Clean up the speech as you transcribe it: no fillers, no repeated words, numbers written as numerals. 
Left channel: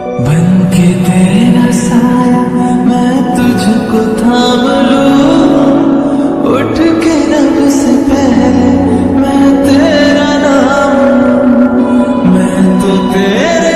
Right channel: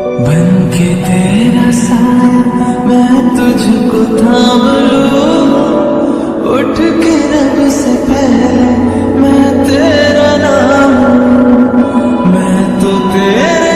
बन के तेरा साया मैं तुझको थाम लूं, उठ के रब से पहले मैं तेरा नाम लूं। मैं तो तेरे